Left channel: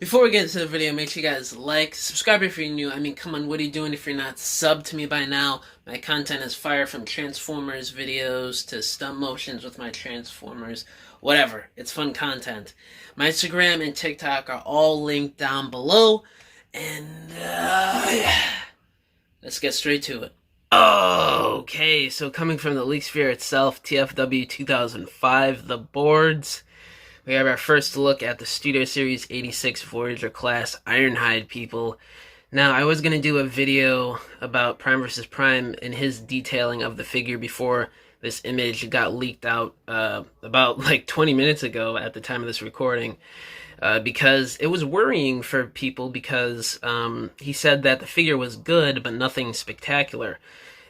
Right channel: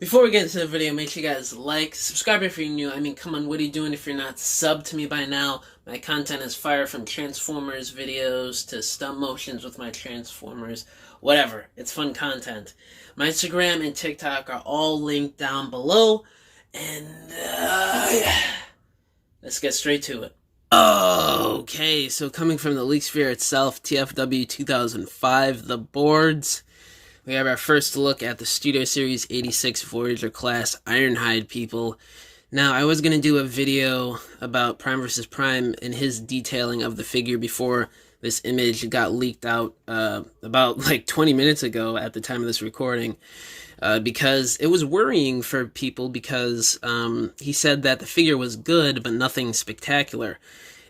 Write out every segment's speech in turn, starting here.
Before we get into the video, make sure you guys like, subscribe if you're new. I mean, come on, what are you doing if you're not subbed to me by now? My content is fire, from Transformers videos to stop motions with my Transformers, whatever. It's fun content. My Instagram and TikTok are all linked down below, and yeah. Let's get straight to it. Okay, so coming from the Leak Sphere itself, TFW 2005, the boards. We have our first look at the Studio Series 86 Voyager class Ironhide people. Now, I was going to do a video about Prime vs. Prime and his detailing of the figure before this image got leaked out about like 20 minutes ago at the time of this recording, because it was worrying for people because he said that the figure was good but nothing spectacular.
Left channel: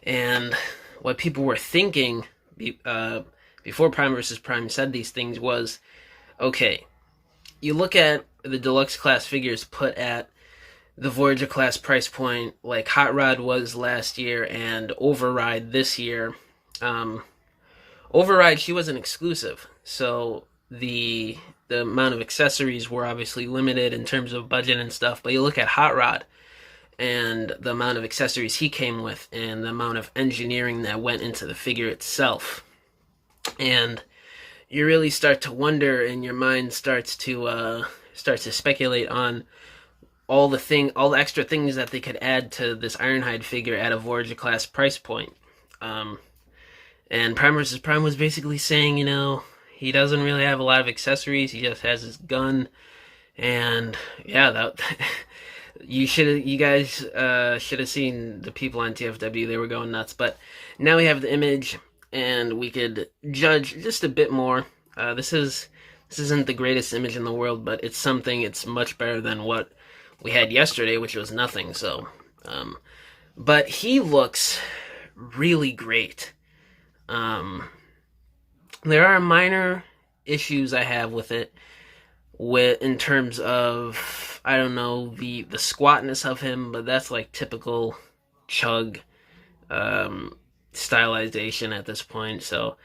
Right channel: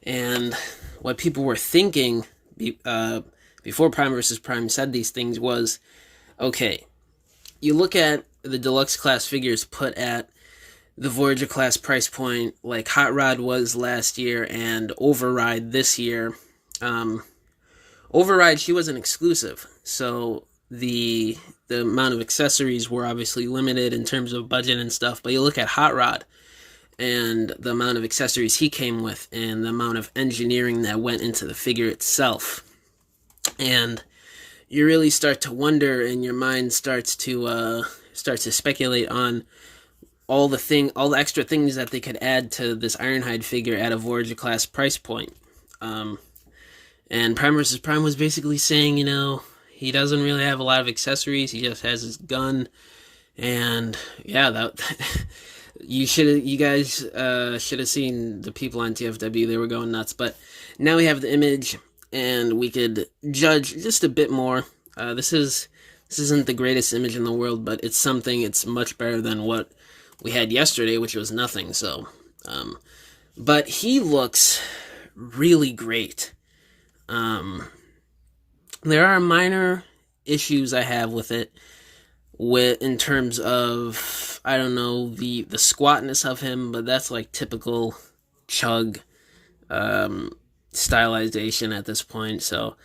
And what people were thinking before Prime vs. Prime said these things was, okay, you look at the deluxe class figures put at the Voyager class price point, like Hot Rod was last year and Override this year. Override, she was an exclusive, so the amount of accessories were obviously limited in terms of budget and stuff. But you look at Hot Rod and the amount of accessories he came with and the amount of engineering that went into the figure itself, and you really start to wonder, and your mind starts to speculate on all the extra things that they could add to this Ironhide figure at a Voyager class price point. And Prime vs. Prime was basically saying, he doesn't really have a lot of accessories. He just has his gun, and yeah, that you guys should have seen the people on TFW. They were going nuts. But now we have the image, and we could judge just a bit more. This isn't the greatest image in the world, but it's something. It's much better than what we had yesterday, which was nothing. So, but he looks really great. There are minor issues I have with it, in terms of, I don't know, the squatness of him, but that's like typical Chug stylization at this point, so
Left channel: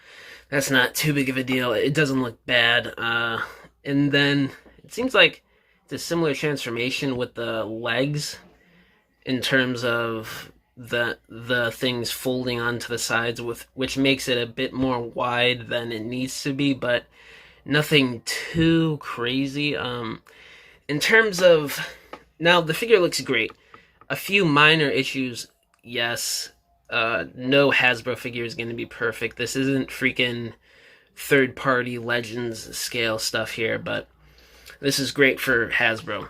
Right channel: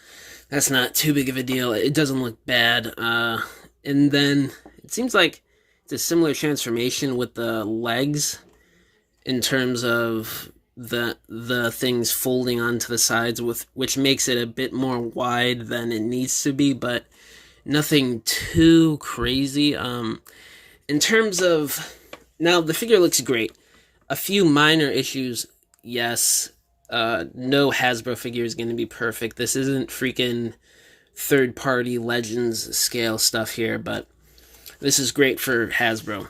that's not too big of a deal. It doesn't look bad. And then it seems like it's a similar transformation with the legs in terms of the things folding onto the sides, which makes it a bit more wide than it needs to be, but nothing too crazy. In terms of, now the figure looks great. A few minor issues, yes. No Hasbro figure is going to be perfect. This isn't freaking third-party Legends scale stuff here, but this is great for Hasbro.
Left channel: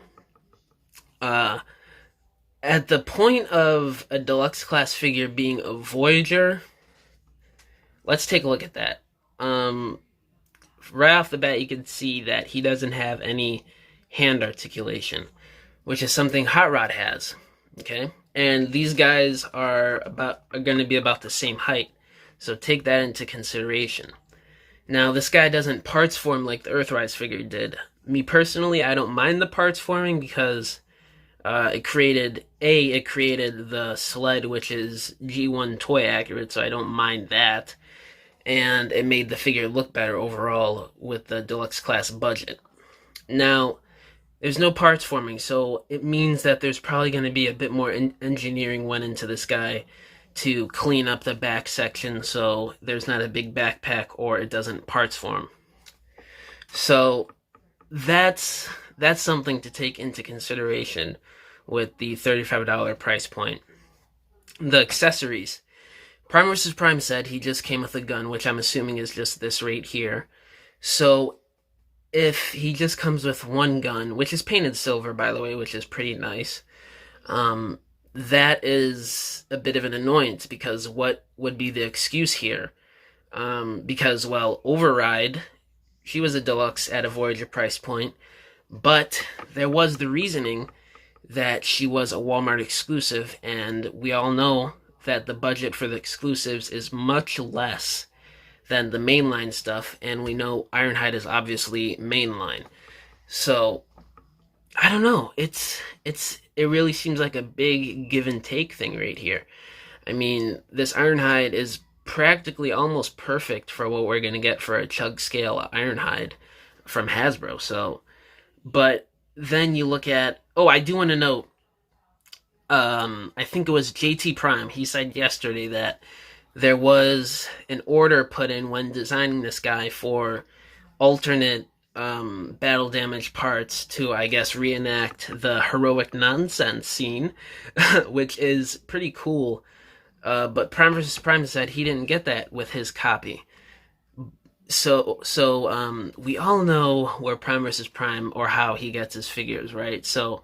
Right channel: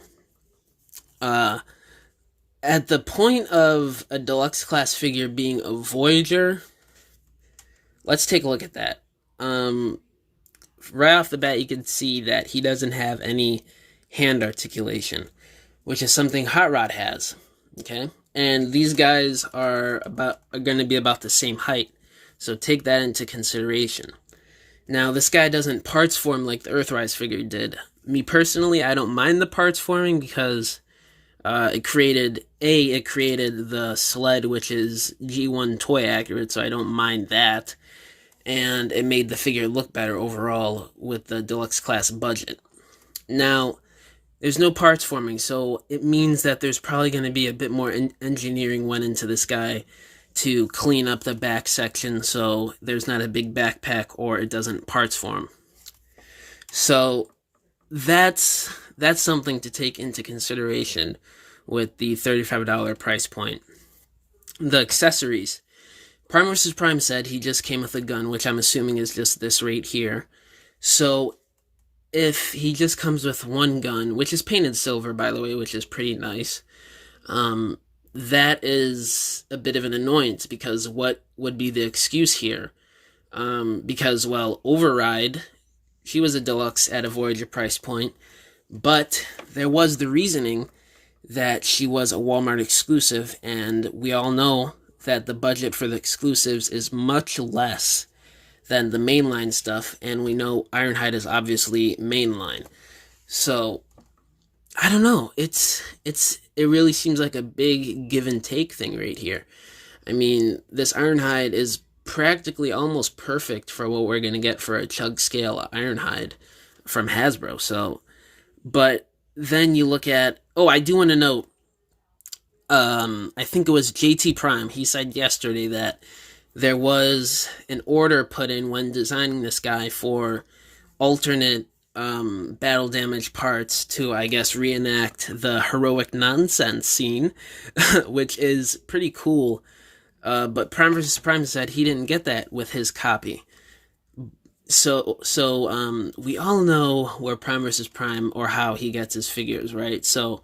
At the point of a deluxe class figure being a Voyager, let's take a look at that. Right off the bat, you can see that he doesn't have any hand articulation, which is something Hot Rod has. Okay, and these guys are going to be about the same height, so take that into consideration. Now, this guy doesn't parts form like the Earthrise figure did. Me personally, I don't mind the parts forming because it created the sled, which is G1 toy accurate, so I don't mind that, and it made the figure look better overall with the deluxe class budget. Now, there's no parts forming, so it means that there's probably going to be a bit more engineering went into this guy to clean up the back section so there's not a big backpack or it doesn't parts form. So that's something to take into consideration with the $35 price point. The accessories. Prime vs. Prime said he just came with a gun, which I'm assuming is just this right here. So if he just comes with one gun, which is painted silver, by the way, which is pretty nice, that is a bit of an annoyance, because what would be the excuse here? Because, well, Override, she was a deluxe at a Voyager price point, but there was the reasoning that she was a Walmart exclusive, and we all know that the budget for the exclusives is much less than the mainline stuff, and we know Ironhide is obviously mainline. So I don't know. It really seems like a big give and take thing right here. I mean, this Ironhide is practically almost perfect for what we're going to get for a Chug scale Ironhide from Hasbro. So, but then you look at, oh, I do want to note, I think it was JT Prime. He said yesterday that there was an order put in when designing this guy for alternate battle damage parts to, I guess, reenact the heroic nonsense scene, which is pretty cool. But Prime vs. Prime said he didn't get that with his copy. So we all know where Prime vs. Prime, or how he gets his figures, right? So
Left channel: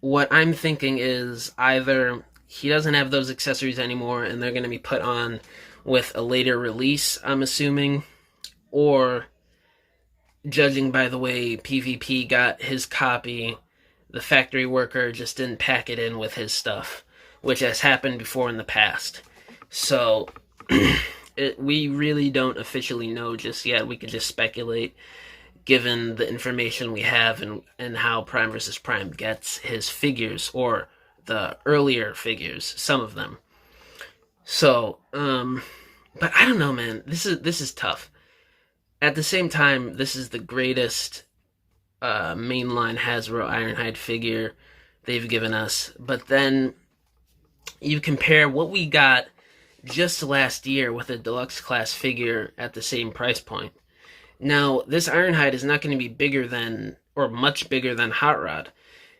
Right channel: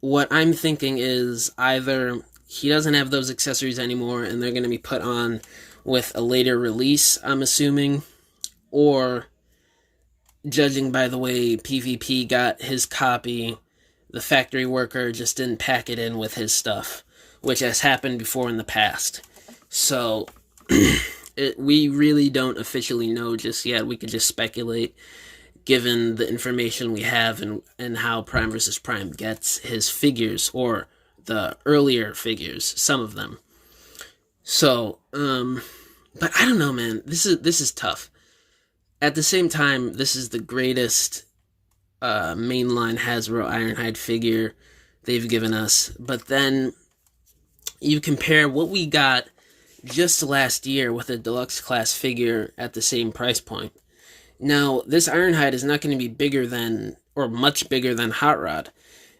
what I'm thinking is either he doesn't have those accessories anymore and they're going to be put on with a later release, I'm assuming, or judging by the way PvP got his copy, the factory worker just didn't pack it in with his stuff, which has happened before in the past. So we really don't officially know just yet. We could just speculate given the information we have and how Prime vs. Prime gets his figures, or the earlier figures, some of them. So, but I don't know, man. This is tough. At the same time, this is the greatest mainline Hasbro Ironhide figure they've given us. But then you compare what we got just last year with a deluxe class figure at the same price point. Now, this Ironhide is not going to be bigger than, or much bigger than Hot Rod,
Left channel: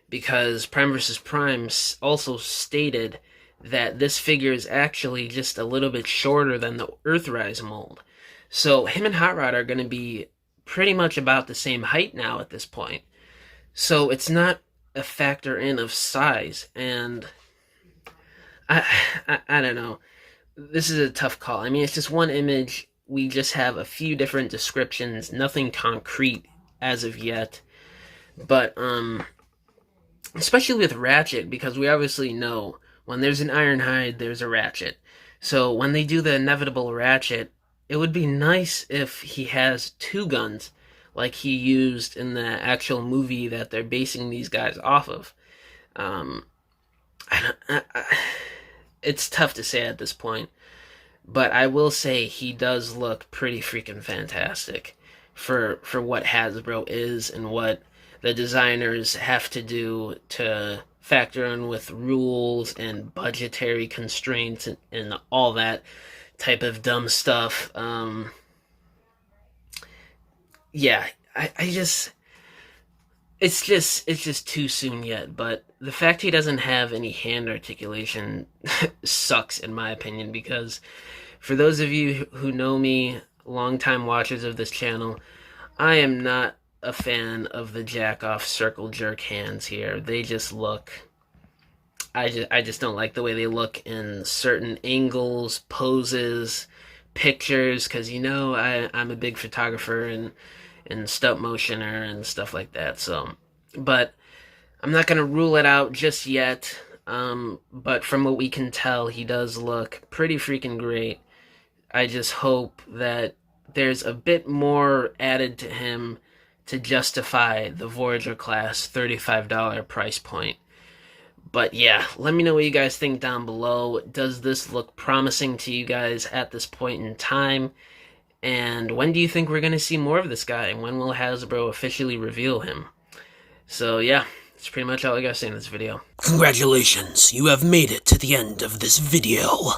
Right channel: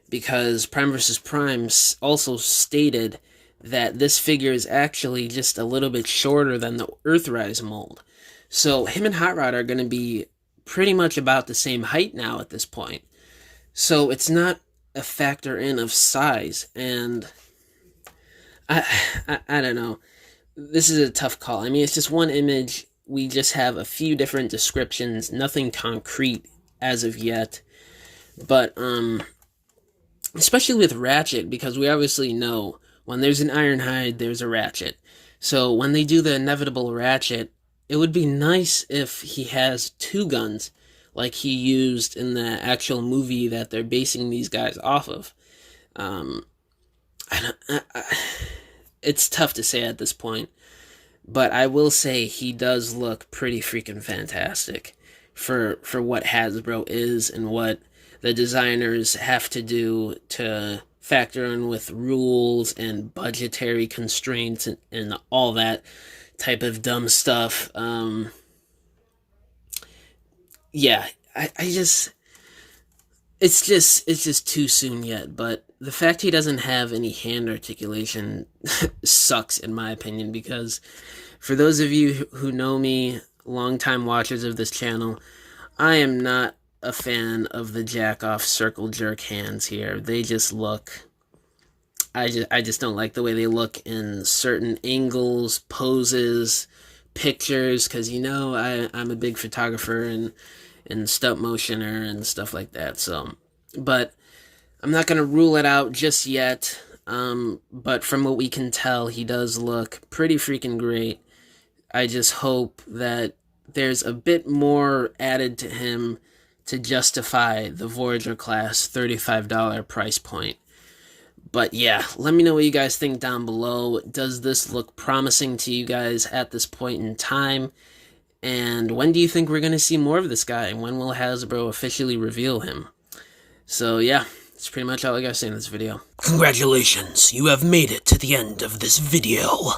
because Prime vs. Prime also stated that this figure is actually just a little bit shorter than the Earthrise mold. So him and Hot Rod are going to be pretty much about the same height now at this point. So it's not a factor in of size, and I don't know. This is a tough call. I mean, it's just one image. We just have a few different descriptions, nothing concrete as of yet. But especially with Ratchet, because we obviously know when there's an Ironhide, there's a Ratchet. So when they do the inevitable Ratchet, it would be nice if he has two guns, like he used in the actual movie that they're basing these guys off of. It's tough to say at this point, but I will say he does look pretty freaking fantastic for what Hasbro is and what the designers have to do to factor in with rules and budgetary constraints and all that type of dumb stuff. Yeah, I just, it's just too soon yet. But the fact he doesn't have any hand articulation sucks, in my opinion, because for those of you who know me, longtime watchers of this channel, I am not a fan of the jack-off circle jerk hands here. They just look, I just don't like the way they look in certain angles, poses, pictures, because you know I'm a big photographer and stop motioner and stuff like that. So, but I'm not going to rule it out just yet. But from what we can tell, he does look pretty freaking great. I just hope that there's a bit more added to him to justify the Voyager class $35 price point. But yeah, let me know what you guys think down below. Does this look promising to you guys at this point in time? And when do you think we're going to see more of this guy? And when will Hasbro officially reveal him? So yeah, that's pretty much all I got to say in this video. Congratulations, you have made it to the end of this video.